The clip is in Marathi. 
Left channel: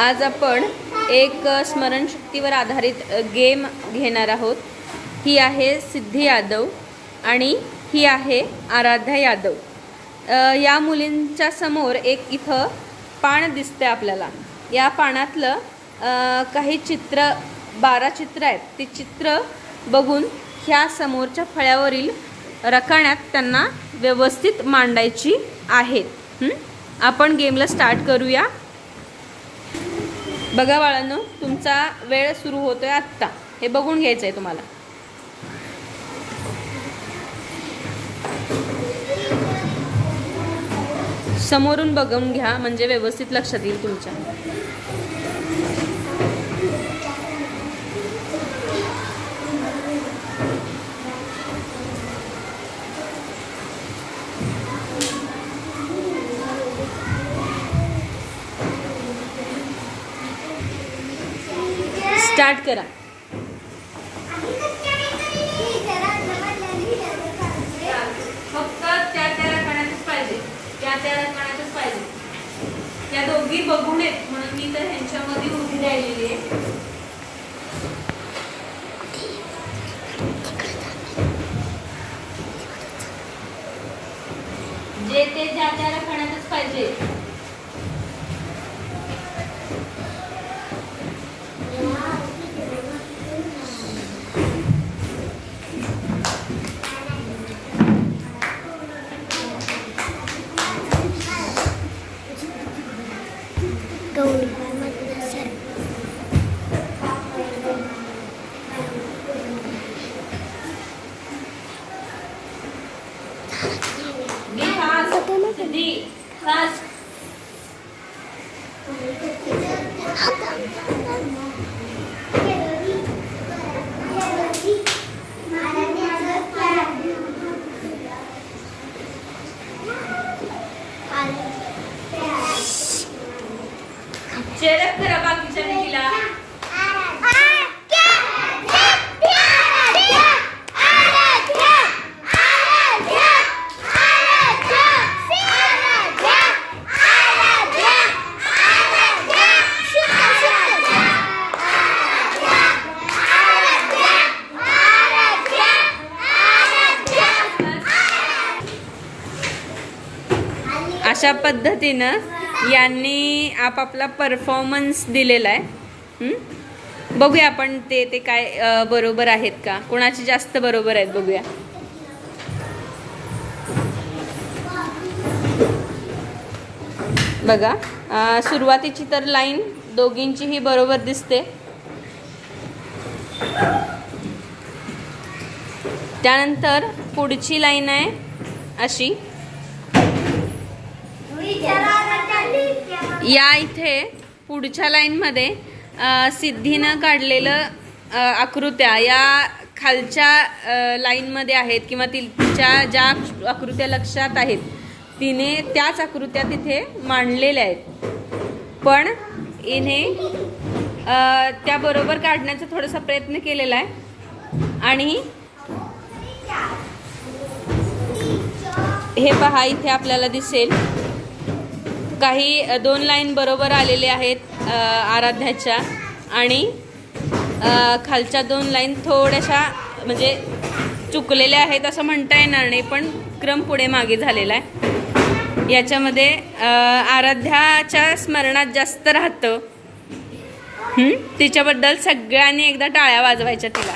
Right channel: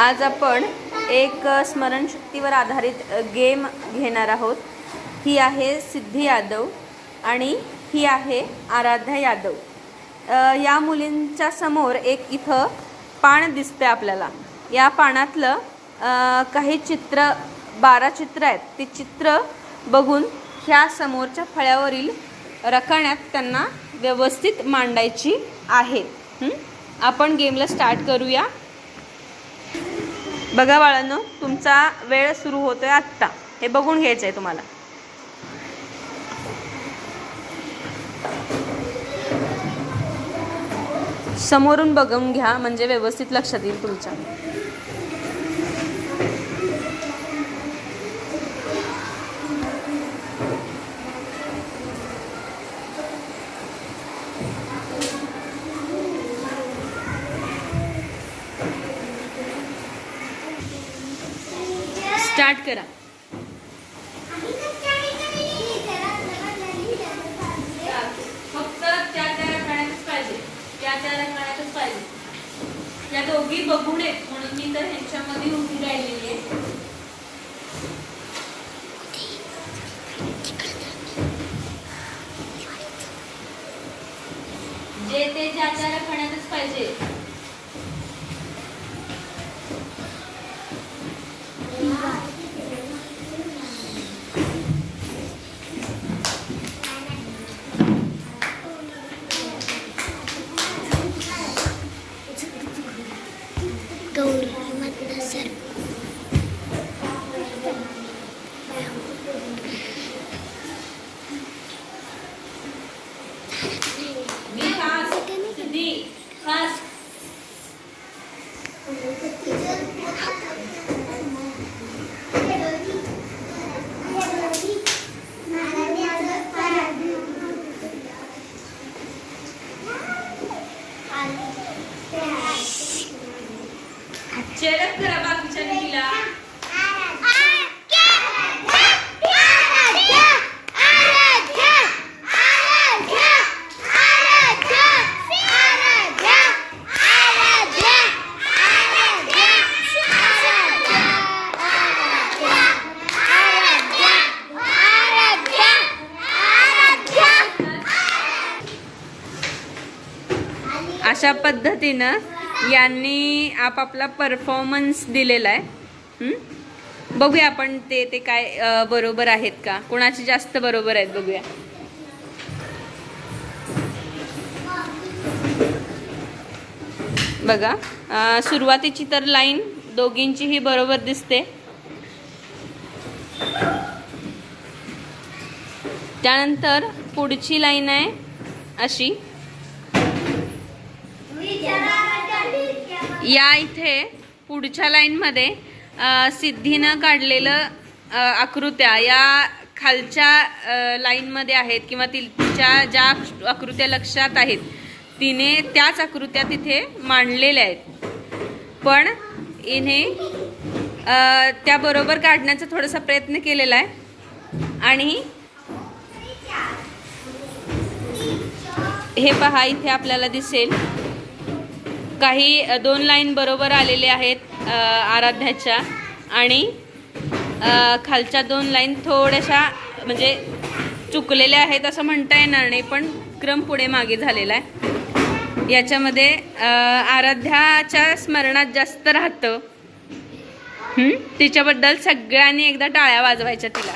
आज आपण एक स्मरणशक्तीवर आधारित गेम घेणार आहोत। ही आहे सिद्धी यादव आणि ही आहे आराध्या यादव। या मुलींच्या समोर एक इथं पान दिसते आपल्याला। या पानातलं काही चित्र 12 चित्र आहेत। ती चित्र बघून ह्या समोरच्या फळ्यावरील रकान्यात त्यांना व्यवस्थित मांडायची आहे। आपण गेमला स्टार्ट करूया। बघा बाळांनो, तुमचा वेळ सुरू होतोय आत्ता। हे बघून घ्यायचं आहे तुम्हाला। समोरून बघून घ्या म्हणजे व्यवस्थित लक्षात येईल तुमच्या। स्टार्ट करा। फक्त त्या रकान्यातच पाहिजे, त्या रकान्यातच पाहिजे। या दोघी बघून आहेत म्हणून मी तर ह्यांच्यामध्ये उभी राहिलेली आहे। जे ते त्या रकान्यातच पाहिजे। चेरक करा बाकीच्या मुलीला। अशा पद्धतीनं यांनी आपापला परफॉर्मन्स दिलेला आहे। बघूया आपण ते काय बरोबर आहेत का, कोणाची जास्त बरोबर आहेत बघूया। बघा, सुरुवातीची तर लाईन दोघींची ही बरोबर दिसते। त्यानंतर पुढची लाईन आहे अशी। या इथे पुढच्या लाईन मध्ये सिद्धीनं काढलेलं आकृत्या या खालच्या लाईन मध्ये आहेत किंवा तिच्या ज्या आकृत्या लक्षात आहेत तिने त्याच आकृत्या तिथे मांडलेल्या आहेत। पण इने त्या बरोबर काढण्याचा थोडासा प्रयत्न केलेला आहे। आणि हे पहा, इथे आपल्याला दिसेल काही 2 लाईन बरोबर आलेले आहेत आराध्याच्या आणि खालच्या 2 लाईन थोड्याशा म्हणजे चुकलेल्या आहेत असं म्हणता येणार नाही, पण क्रम पुढे मागे झालेला आहे। याच्यामध्ये आराध्याच्या स्मरणात जास्त राहतं। तिच्याबद्दल सगळ्यांनी एकदा टाळ्या वाजवायच्या तिला।